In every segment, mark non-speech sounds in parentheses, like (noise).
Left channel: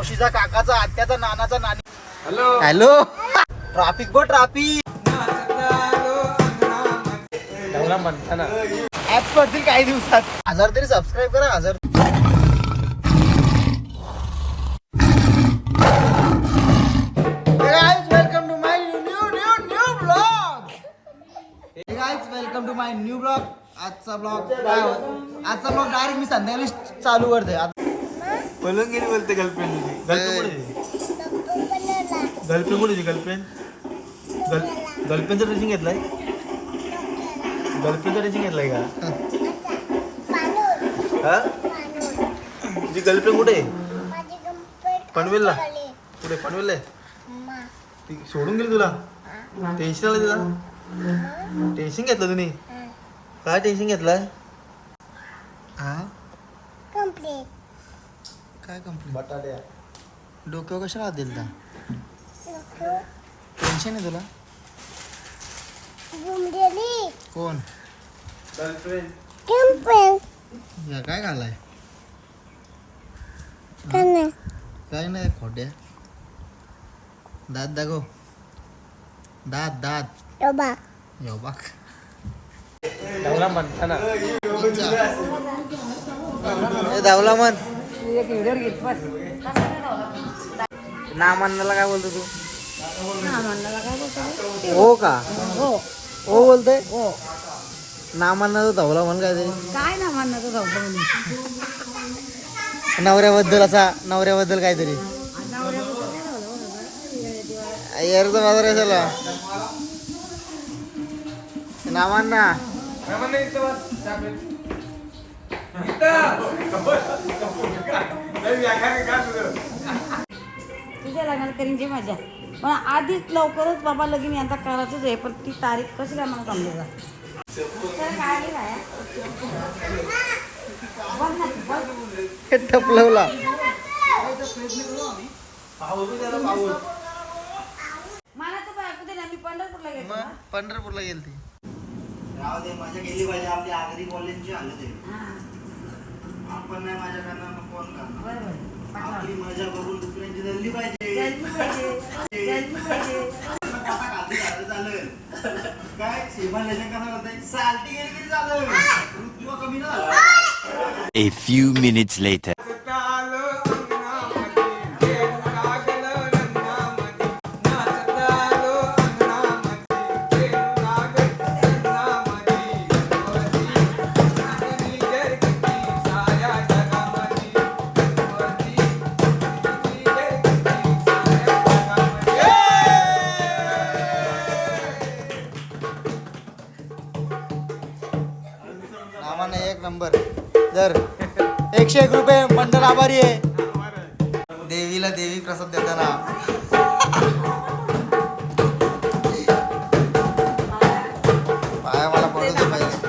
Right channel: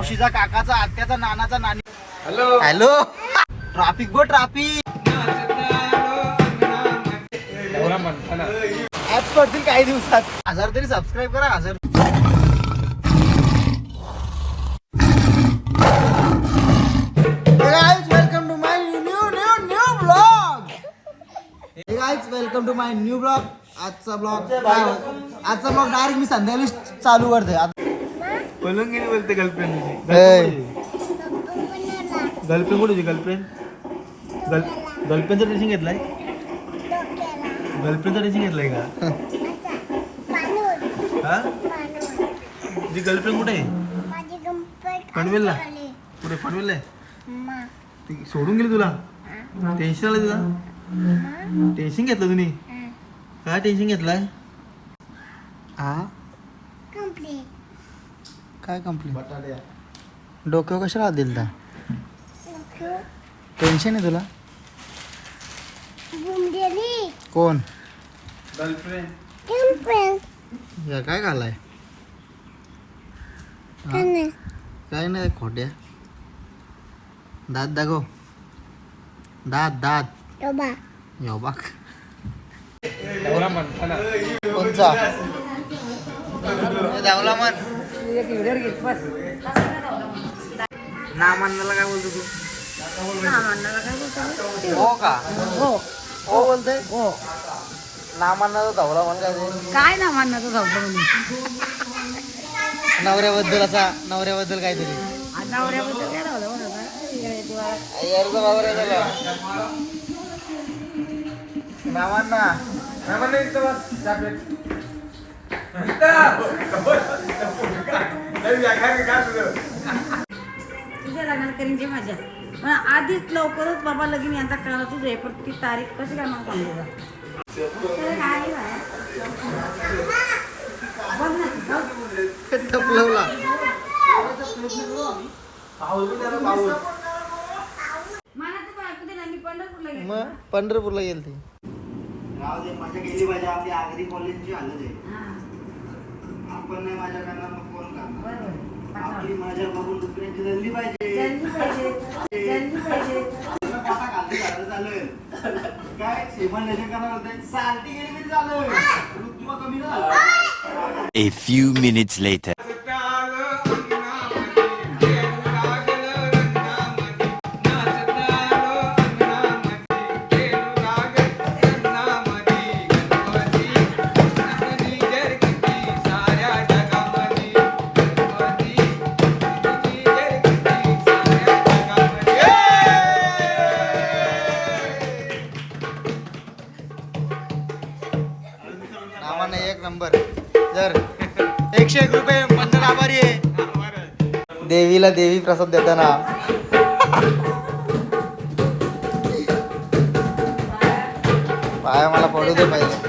मावशीचा काकाचा आत्याचा नानाचा नानी हॅलो ट्राफिक बो ट्राफिक ऍप पडतील काही दिवसात. हजार तरी सबस्क्राईब करा हजार welcome to my new new new blog guys welcome to my new blog आजचा ब्लॉग आजचा ब्लॉग डायरेक्ट मी संध्याकाळी चालू करते बोलून गेली बोलते गर्लफ्रेंड गर्लफ्रेंड कुठे गर्लफ्रेंड गर्लफ्रेंडचं ड्रेसिंग घेतलाय? गर्लफ्रेंडचं ड्रेसिंग घेतलाय का? हा? तुझी गर्लफ्रेंड कुठे आहे? पनवेलला? कुठे पनवेलला आहे? ती सोडून गेली तुला? टेन्शन आलं तुला? टेन्शन घेतलं तुम्ही? काय टेन्शन घेतलाय? हा काय कंप्लेंट डोक्यावर कशाला हात दिल टेन्शन आहे तुला? कोण? गर्लफ्रेंड या काय घालाय? काय नाही. खोट्या. दात दाखव. दात दात. यो बाक नवरा म्हणताना कोणचा? धावला नामांनाला काय बोलतो तू? हो का? हो. हो बोलते हो. नामांना तो धावला म्हण काय ना धावतं म्हणून? नवऱ्याबद्दल असा नवऱ्याबद्दल काहीतरी. नवऱ्याबद्दल काय धावलं नामांना. तुझ्या लग्नाला करीन जे मजा पण आधीच लवकरच बाबा लगीन यांचा करायचंच आहे पण ती तारीख कशी काय मला ना, मी पंढरपूरला गेले. मग पंढरपूरला गेल ती मजा गेली पाहिजे आपली आगरी कॉलेजची हालत आहे आपण नाही माझ्या करणार. कोण करणार. आपली मजा बघून दुसऱ्यांची जल्ली पाहिजे. काय? श्रीमान लेखन कसा होते सालटी गेली तरी चालेल ऋतू कमी ना? A few minutes later. एकशे एक रुपये मंडळ आभारी आहे. देवीला देवी प्रसाद देताना. पाया मला पडू दे पाहिजे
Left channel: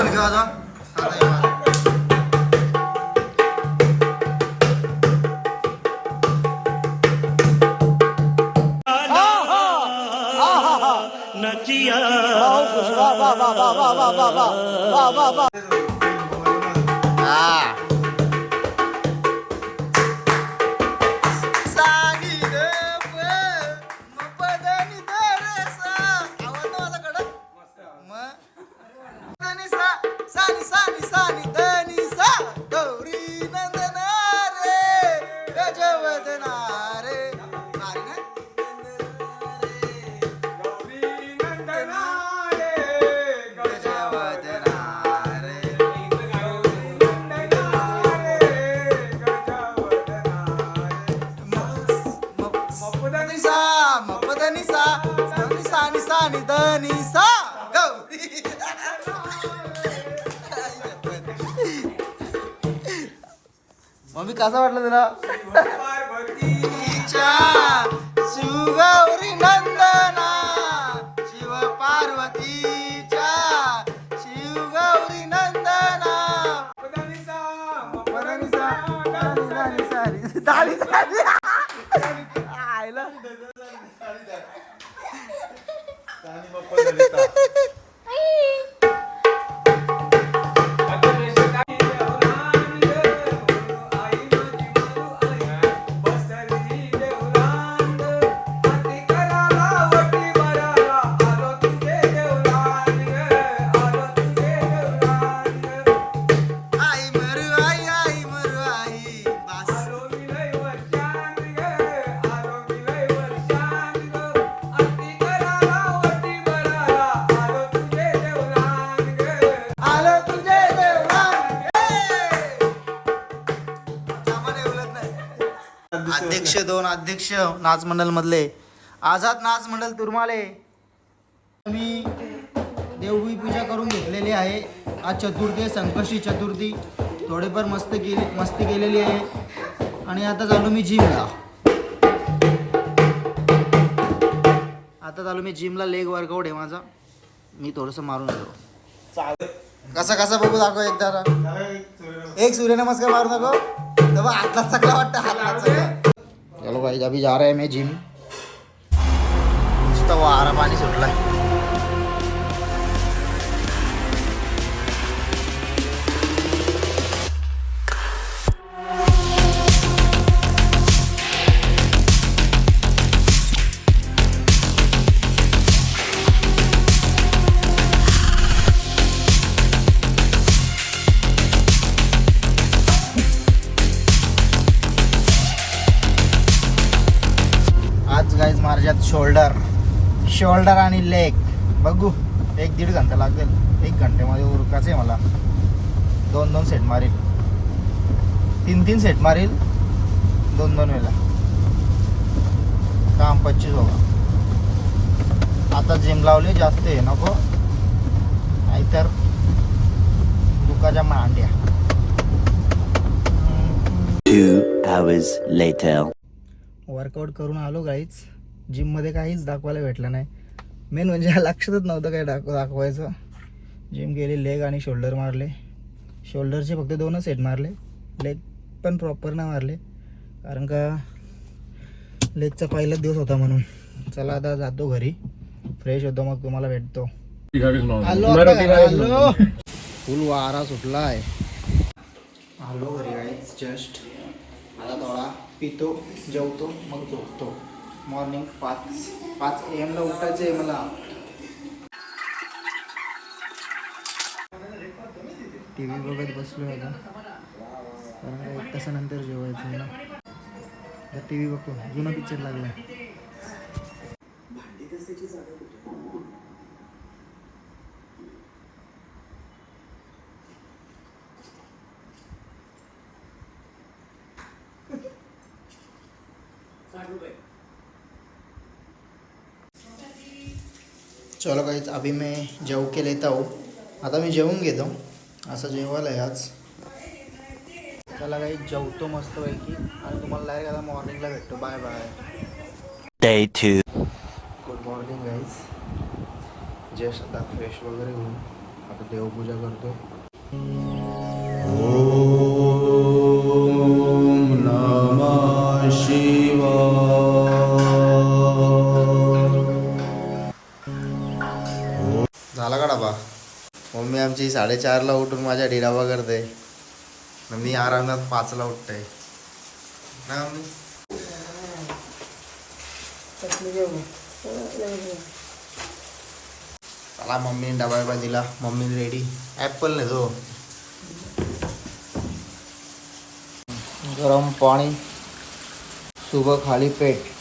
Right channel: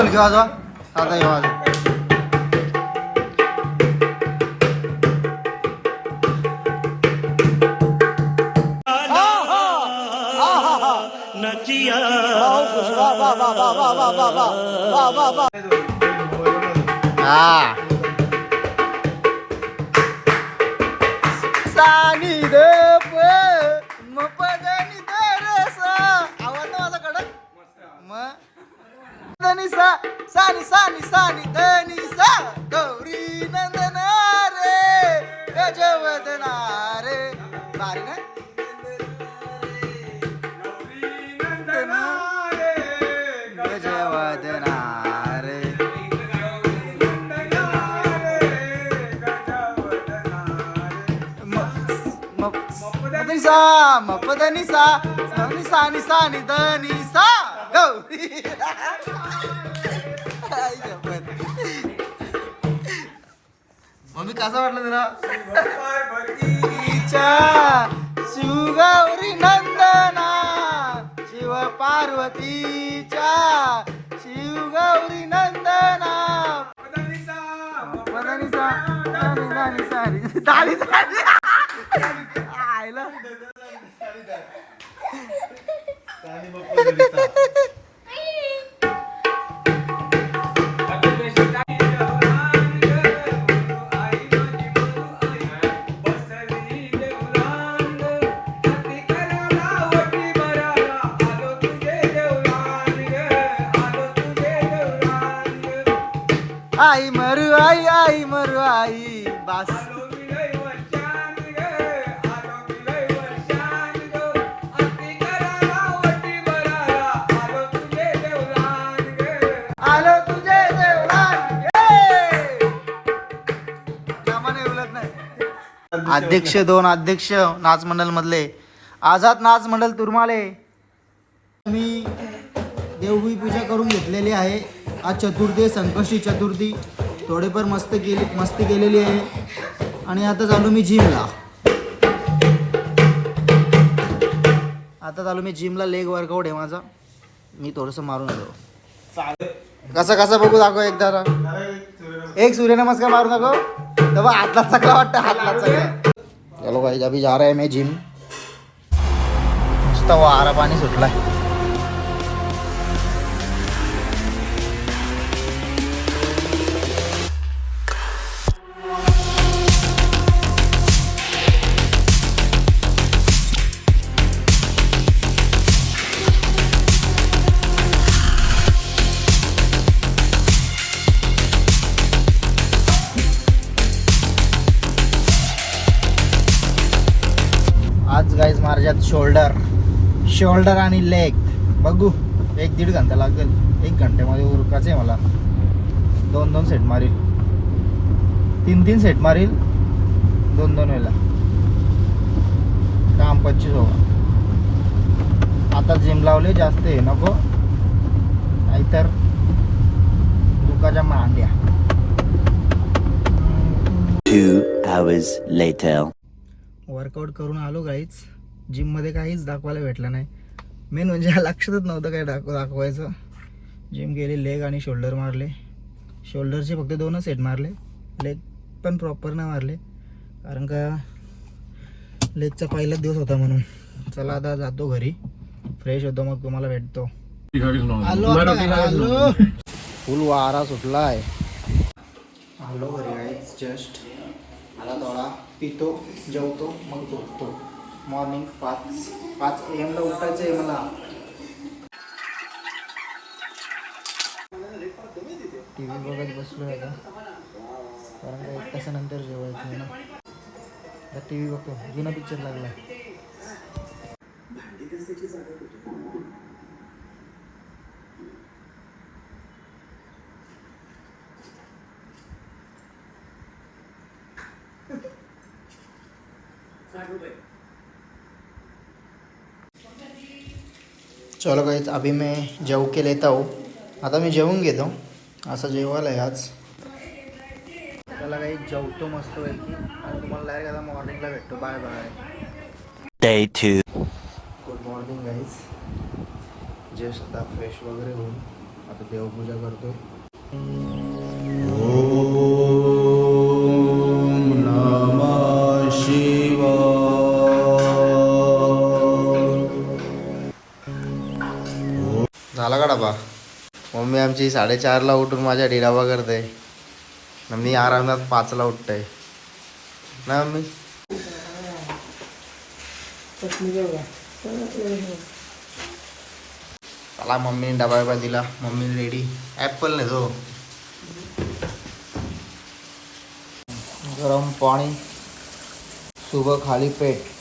पप्पा घेऊ वाजवा आता घेऊ वाजवा हा. सानी सा सानी सानी सानी धनी सा गौरी नंदन रे गजवदना रे भारी ना गौरी नंदन रे गजवदना रे मपदनी सा मपदनी सा सानी सानी सानी धनी सा मम्मी कसा वाटला तुला? शिवगौरी नंदना शिव पार्वतीच्या शिवगौरी नंदना. आयला. अध्यक्ष दोन अध्यक्ष नाच मंडळ मधले आझाद नाच मंडळ तुरमाले. मी देवबी पूजा करून घेतलेली आहे. आज चतुर्थी आहे, संकष्टी चतुर्थी. थोडीफार मस्त केली मस्ती केलेली आहे. आणि आता चालू मी जिमला. आता चालू मी जिमला लेग वर्कआउट आहे माझा. मी थोडंसं मारून येतो कसा कसा बघू दाखव एकदा. एक सूर्यनमस्कार. मारू नको तेव्हा हातला चकला वाटतं हातला चकला. चलो भाई अभी जा रहे हैं मैं जिम नुसता वारा पाणी सुटलाय शोल्डर. शोल्डर आणि लेग. बघू. एक दीड घंटा लागेल. एक घंट्यामध्ये उरकायचं आहे मला. दोन दोन सेट मारील. तीन तीन सेट मारील. दोन दोन वेळेला. काम पच्चीस हो आता जिम लावले जास्त आहे नको. नाहीतर दुखाच्या मांड्या. Two hours later. वर्कआउट करून आलो गाईच जिममध्ये काहीच दाखवायला भेटलं नाही. मेन म्हणजे (laughs) लक्षातच नव्हतं काय दाखव दाखवायचं. जिम गेली लेग आणि शोल्डर मारले. शोल्डरचे फक्त दोनच सेट मारले. लेग पण प्रॉपर नाही मारले. कारण का लेगचा पहिलाच दिवस होता म्हणून. चला आता जातो घरी. फ्रेश होतो मग तुम्हाला भेटतो. आलो फुल वारा सुटला आहे आलो घरी गाईच जस्ट आता थोडा पितो जेवतो मग झोपतो. मॉर्निंग पाच पाच ए एमला उठायचं आहे मला. टी व्ही बघत बसलो आता. कारण का एक तासानंतर जेवायचं आहे ना. आता टी व्ही बघतो. जुना पिक्चर लागलाय. चलो काहीच अभी मैं जेव के लेता हूँ। आता मी जेवून घेतो असं जेवायला आहे आज। त्याला काही जेवतो मस्त पैकी आणि तुम्हाला डायरेक्ट आता मॉर्निंगला भेटतो bye bye Day two. Good morning guys just आता फ्रेश वगैरे होऊन आता देवपूजा करतोय झाला का डबा? मम्मी आमची साडेचारला उठून माझ्या डिराबा करते. आणि मी आरामात पाचला उठतंय. ना मम्मी? चला मम्मी डबा बिबा दिला मम्मी रेडी ॲपल नाही तो. गरम पाणी सुबह खाली पेट.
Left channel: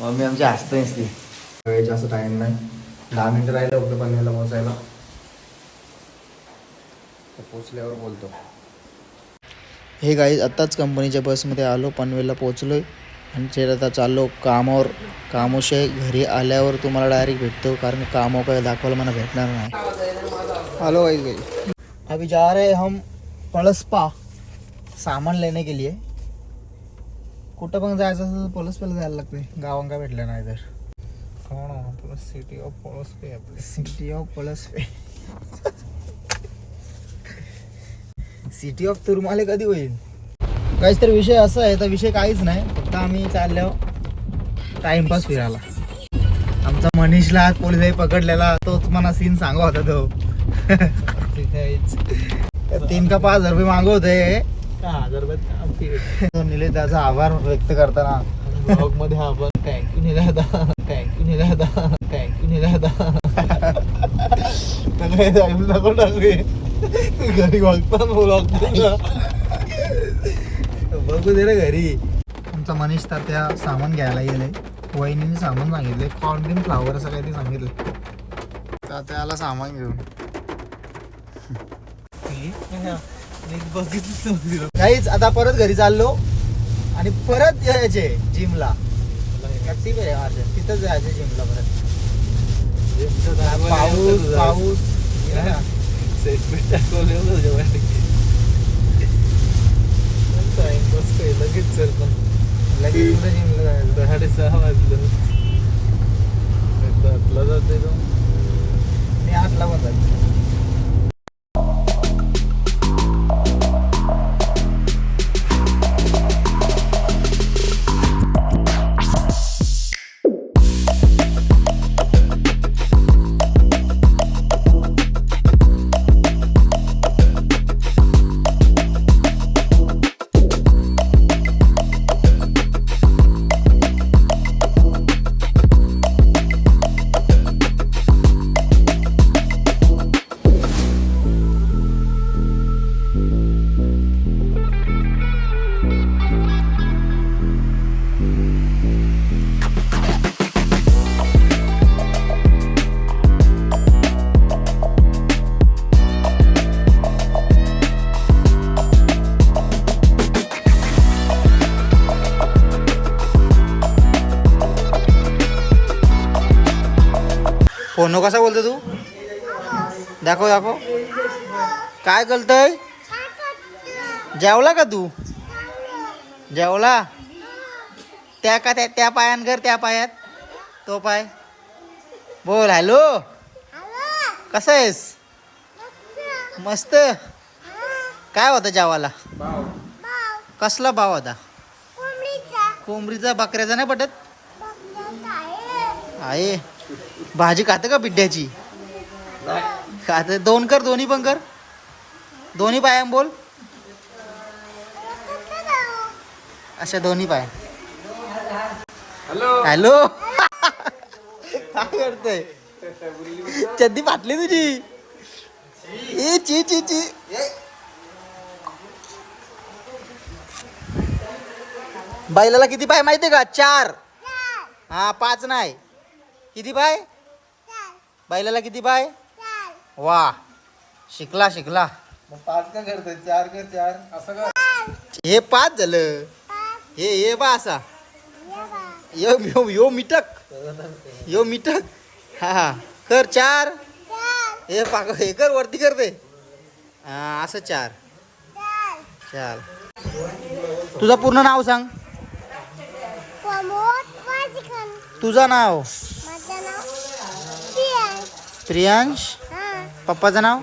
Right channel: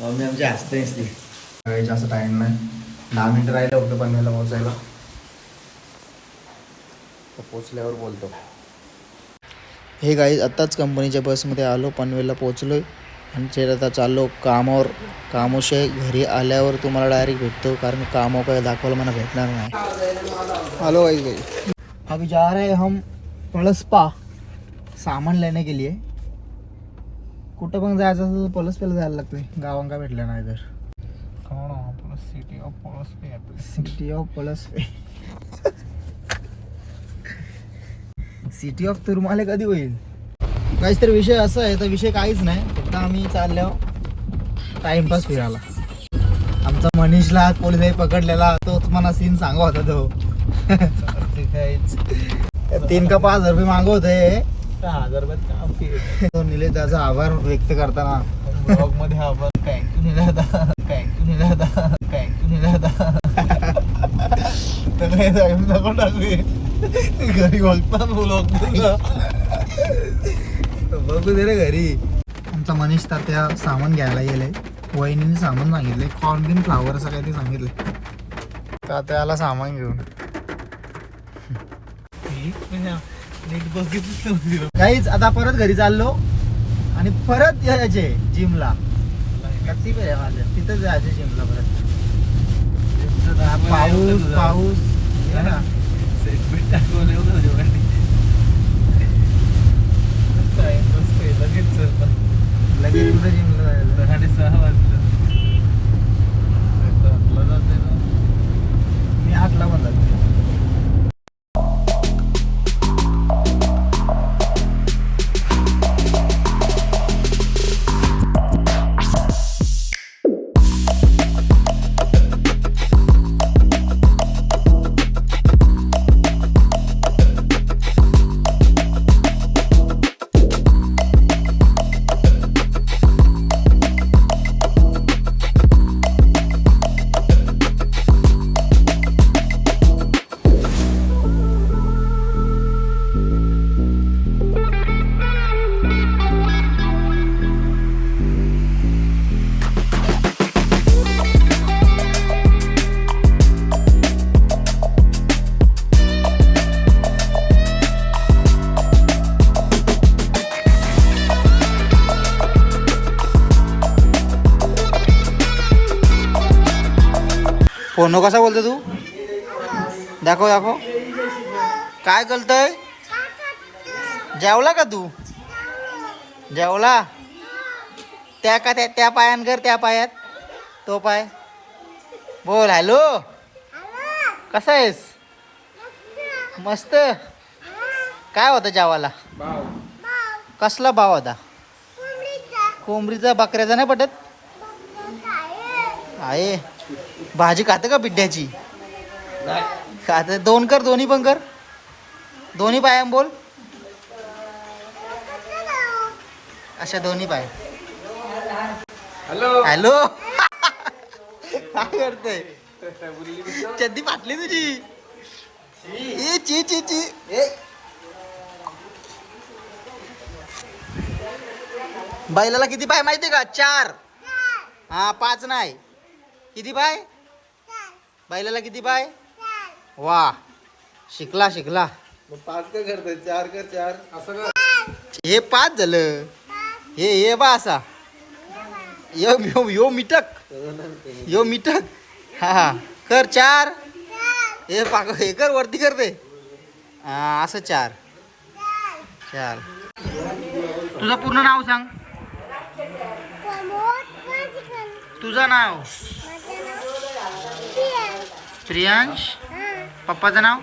मम्मी आमची हसते नसती वेळ जास्त टाईम नाही. दहा मिनटं राहिले फक्त पनवेलला पोचायला तर पोचल्यावर बोलतो. हे गाई आत्ताच कंपनीच्या बसमध्ये आलो पनवेलला पोचलो आहे आणि ते आता चाललो कामावर कामोशिवाय घरी आल्यावर तुम्हाला डायरेक्ट भेटतो कारण कामो काय दाखवायला मला भेटणार नाही. आलो गाई घरी. अभी जा रहे हैं हम पळसपा सामान लेने के लिए. कुठं पण जायचं असेल तर पळसपेला जायला लागते गावांका भेटलं नाही तर? City of Palas city of Palaspe city of तुरमाले कधी होईल? काहीच तर विषय असा आहे तर विषय काहीच नाही. फक्त आम्ही चाललो टाइमपास फिरायला. आमचा मनीषला आज पोलिसांनी पकडलेला तोच मला सीन सांगा होता तो. (laughs) तीन का पाच हजार रुपये मागू होते हजार तो निलेश आभार व्यक्त करताना. ब्लॉगमध्ये कॅन्क्यू दादा कॅन्क्यू दादा कॅन्क्यू दादा तर काय नको टाकू घरी बघता ब्लॉग बघू दे रे घरी. आमचा मनीष तात्या सामान घ्यायला गेले. वहिनीने सामान सांगितले. कॉर्न बिन फ्लावर असं काही ते सांगितले तात्याला सामान घेऊन. काहीच आता परत घरी चाललो आणि परत यायचे जिमला किती पेरे माझे. तिथंच जायचे जिमला परत. पाऊस पाऊस ये ना. सेगमेंट दाखवले टाइमपास पहिलं घेत चल पण लगेच कुठं जिमला जायचं. साडेसहा वाजलं सातला मी आठला पण जायचं. फोन कसा बोलतो तू? दाखव दाखव. काय करतोय? जेवला का तू? जेवला? त्या का त्या त्या पायान कर त्या पायात. तो पाय. बोल हॅलो. कसा आहेस? मस्त. काय होतं जेवाला कसला भाव होता? कोंबडीचा. बकऱ्याचा नाही पटत? आहे. भाजी खाते का बिड्ड्याची खात. दोन कर दोन्ही पण कर. दोन्ही पायाम बोल. अच्छा दोन्ही पाय. हॅलो. काय करतोय? चड्डी फाटली तुझी. ए ची ची ची. बैलाला किती पाय माहितीये का? चार. हा पाच नाही. किती पाय बैलाला किती पाय वा. शिकला शिकला. मग पाच का करतोय? चार कर चार? असं का? हे पाच झालं. हे हे बा असा. यो यो यो मिटक. यो मिटक. हा हा. कर चार. हे पाक हे कर वरती कर दे हा असं चार. चार. तुझं पूर्ण नाव सांग. तुझं नाव? प्रियांश. पप्पाचं नाव?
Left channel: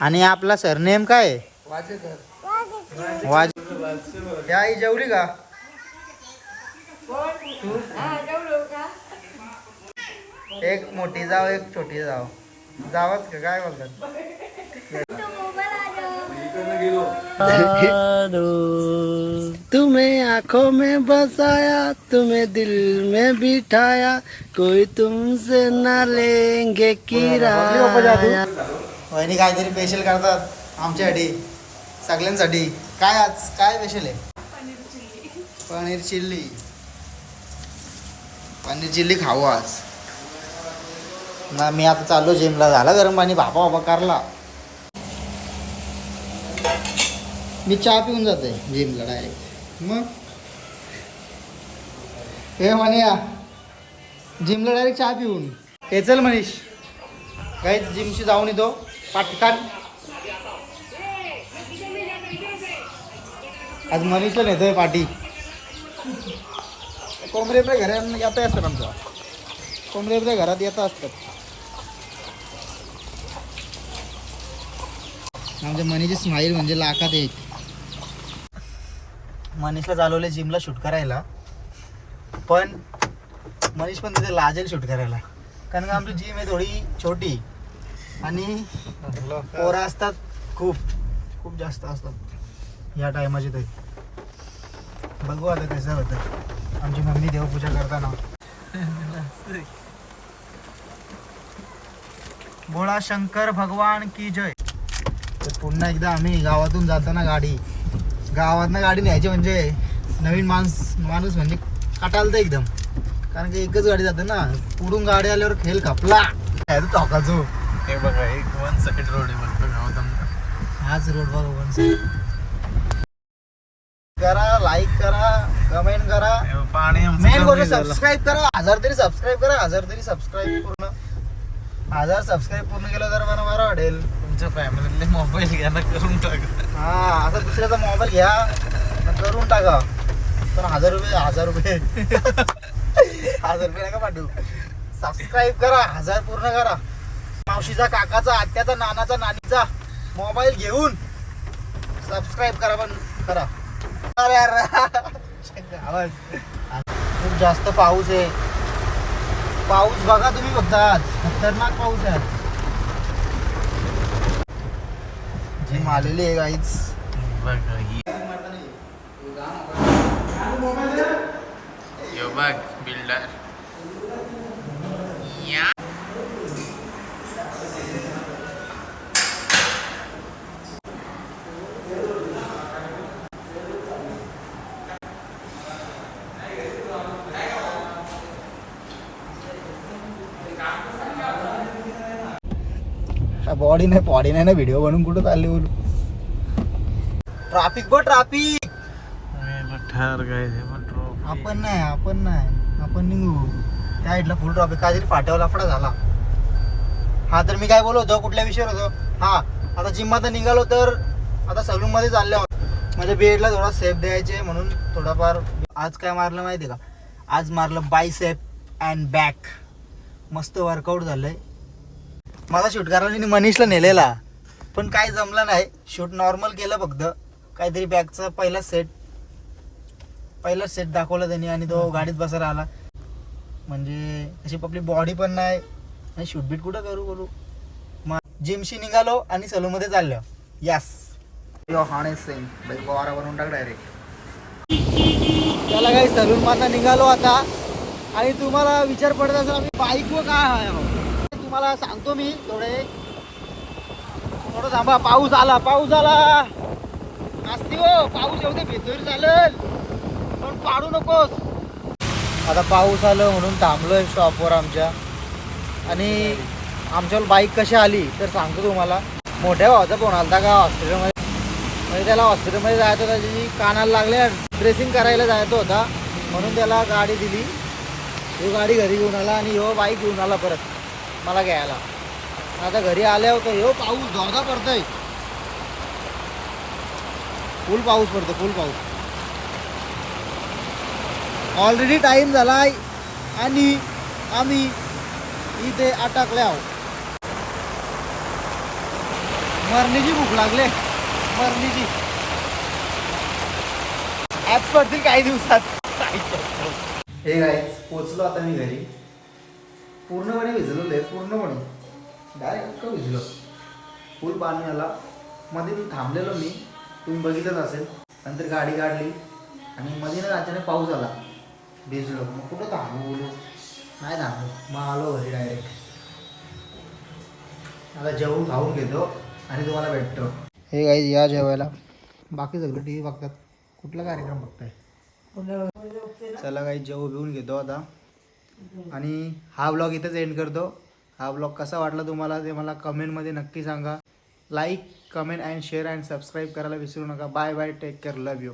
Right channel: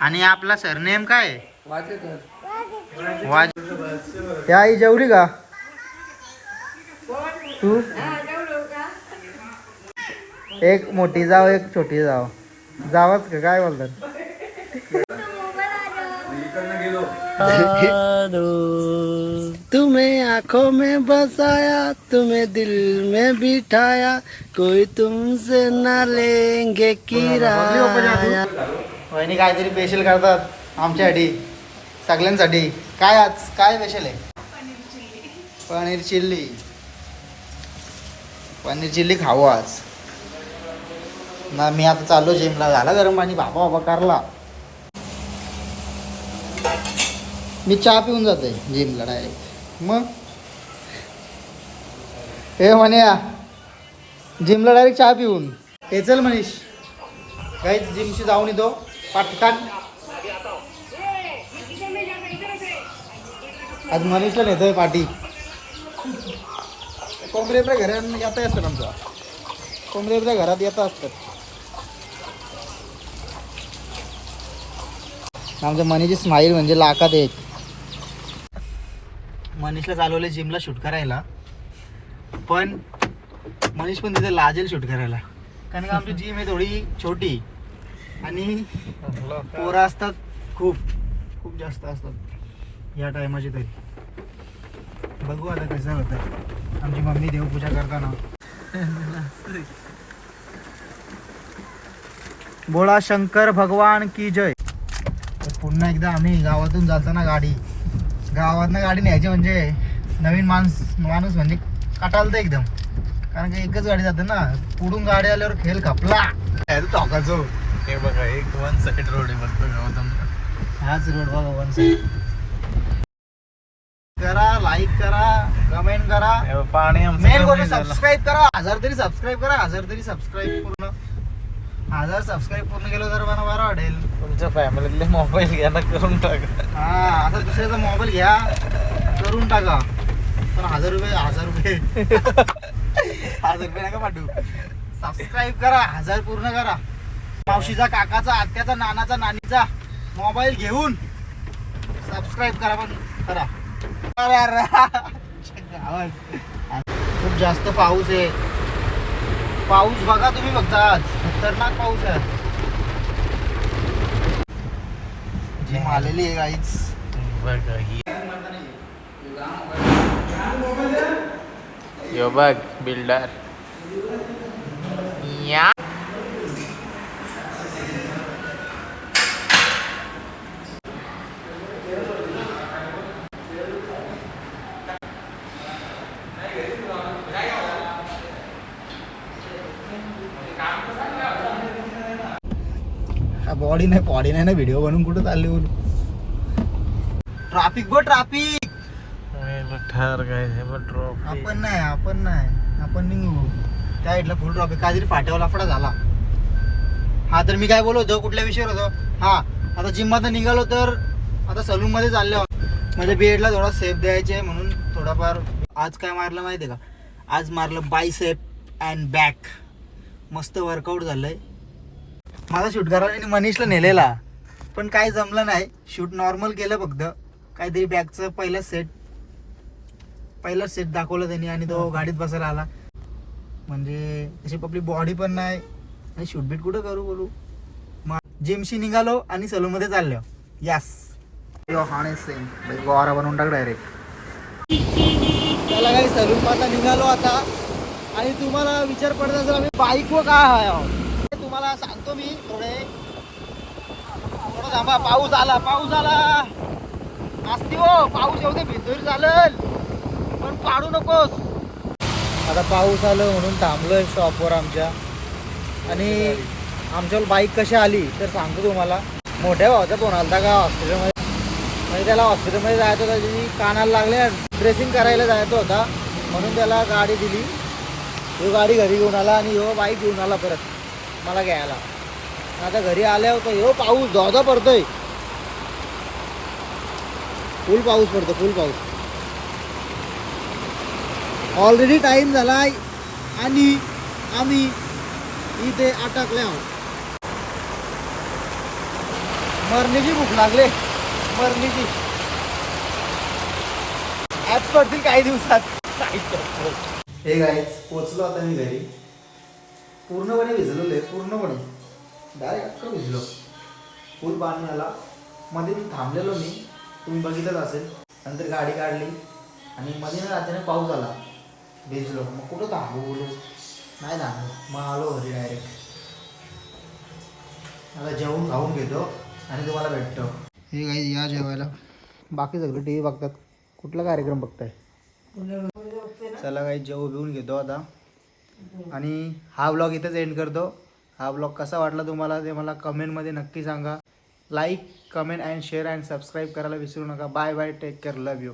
आणि आपला सरनेम काय? वाज त्या आई जेवली का? तू? एक मोठी जाव एक छोटी जाव. जावच का? काय बोलतात? तुम्हें आंखों में बसाया तुम्हें दिल में बिठाया कोई तुमसे न लेंगे किराया. वहिनी काहीतरी स्पेशल करतात आमच्यासाठी सगळ्यांसाठी. काय आज? काय स्पेशल आहे? पनीर चिल्ली. पनीर चिल्ली खाऊ आज. ना मी आता चाललो जिमला झाला गरम पाणी. भापा बाबा करला. मी चहा पिऊन जाते जिमला डायरेक्ट मग? हे म्हणे जिमला डायरेक्ट चहा पिऊन. हे चल मनीष. काहीच जिमशी जाऊन येतो. पाटकान. आज मनीषला नेतोय पाठी कोंबड्याच्या घरात येता असतात आमच्या. कोंबड्याच्या घरात येता असतात. आमच्या मनीची स्माईल म्हणजे लाखात एक. मनीषला चालवले जिमला शूट करायला. पण मनीष पण तिथे लाजेल शूट करायला. कारण का आमची जिम आहे थोडी छोटी आणि पोरं असतात खूप खूप जास्त असतात. या टायमाची तरी. बघू आता कसं होतं आमची मम्मी देवपूजा करताना. बोळा शंकर भगवान की जय. पुन्हा एकदा आम्ही गावातून जाताना गाडी. गावातनं गाडी न्यायची म्हणजे नवीन माणूस माणूस म्हणजे कटालतं एकदम. कारण की एकच गाडी जाते ना पुढून गाडी आल्यावर खेळ खपला. काय टोकाचो हे बघा एक वन साईड रोड आहे मस्त गावात हाच रोड बघा वन साईड करा लाईक करा कमेंट करा. पाणी मेन सबस्क्राईब करा. हजार तरी सबस्क्राईब करा. हजार तरी सबस्क्राईब पूर्ण. हजार सबस्क्राईब पूर्ण केलं तर मला बरं वाटेल. तुमच्या फॅमिलीतले मोबाईल घ्या ना करून टाका. हा आता दुसऱ्याचा मोबाईल घ्या करून टाका. पण हजार रुपये हजार रुपये. (laughs) हजार रुपये नका पाठवू. सबस्क्राईब करा हजार पूर्ण करा. मावशीचा काकाचा आत्याचा नानाचा नानीचा मोबाईल घेऊन सबस्क्राईब करा पण करा. अरे अरे. (laughs) आवाज. खूप जास्त पाऊस आहे. पाऊस बघा तुम्ही फक्त आज. खतरनाक पाऊस आहे जिम आलेली आहे गाईच ही. यो बघ बिल्डर या. बॉडी नाही बॉडी नाही ना व्हिडिओ बनवून कुठं चालली बोलू? ट्राफिक बघ ट्राफिक ठार आपण नाही आपण नाही. आपण निघू त्या साईडला फुल ट्रॉफिक काहीतरी फाट्यावर लफडा झाला. हा तर मी काय बोलत होतो? कुठल्या विषयावर होतो? हा आता जिममध्ये निघालो तर आता सलून मध्ये चालले आहोत. माझ्या बेडला थोडा सेफ द्यायचे म्हणून थोडाफार आज काय मारलं माहिती का? आज मारलं बायसेप अँड बॅक मस्त वर्कआउट झालंय. माझा शूटगाराने मनीषला नेलेला. पण काय जमलं नाही. शूट नॉर्मल केलं फक्त. काहीतरी बॅगचं पहिला सेट पहिला सेट दाखवला त्यांनी आणि तो गाडीत बसायला आला. म्हणजे तशी आपली बॉडी पण नाही. आणि शूट बीट कुठं करू करू? मग जिमशी निघालो आणि सलूनमध्ये चाललो. यास हाणे सेम गोवारा बनवून टाक डायरेक्ट त्याला काही सलून माझा निघालो आता. आणि तुम्हाला विचार पडत असेल आम्ही बाईक व काय आहे? तुम्हाला सांगतो मी थोडे थोडं थांबा पाऊस आला पाऊस आला. असते हो पाऊस एवढं भिजून चालत. आता पाऊस आलं म्हणून थांबलोय शॉपवर आमच्या. आणि आमच्यावर बाईक कशी आली तर सांगतो तुम्हाला. मोठ्या भावाचा फोन आलता का हॉस्पिटलमध्ये म्हणजे त्याला हॉस्पिटलमध्ये जायचं होतं त्याची कानाला लागले ड्रेसिंग करायला जायचं होता. म्हणून त्याला गाडी दिली. तो गाडी घरी घेऊन आला आणि ह्यो बाईक घेऊन आला परत. मला घ्यायला. आता घरी आल्या होतं हो पाऊस धोधा पडतोय. फुल पाऊस पडतो फुल पाऊस. ऑलरेडी टाइम झालाय. आणि आम्ही इथे अटकले आहोत. मरणीची भूक लागले. मरणीची. ॲप्स पडतील काही दिवसात. हे गाईज पोचलो आता मी घरी. पूर्णपणे भिजलेलो आहे पूर्णपणे. डायरेक्ट भिजलो फुल पाणी आला. मध्ये मी थांबलेलो मी. तुम्ही बघितलंच असेल. नंतर गाडी काढली. आणि मध्ये ना अचानक पाऊस आला. भिजलो. मग कुठं थांबू बोलू? नाही थांबलो. मग आलो घरी डायरेक्ट आता जेवून खाऊन घेतो आणि तुम्हाला भेटतो. हे काही या जेवायला. बाकी सगळे टी व्ही बघतात. कुठला कार्यक्रम बघताय? चला काही जेव बिवून घेतो आता. आणि हा ब्लॉग इथेच एंड करतो. हा ब्लॉग कसा वाटला तुम्हाला ते मला कमेंटमध्ये नक्की सांगा. Like comment and share and subscribe करायला विसरू नका. Bye bye take care love you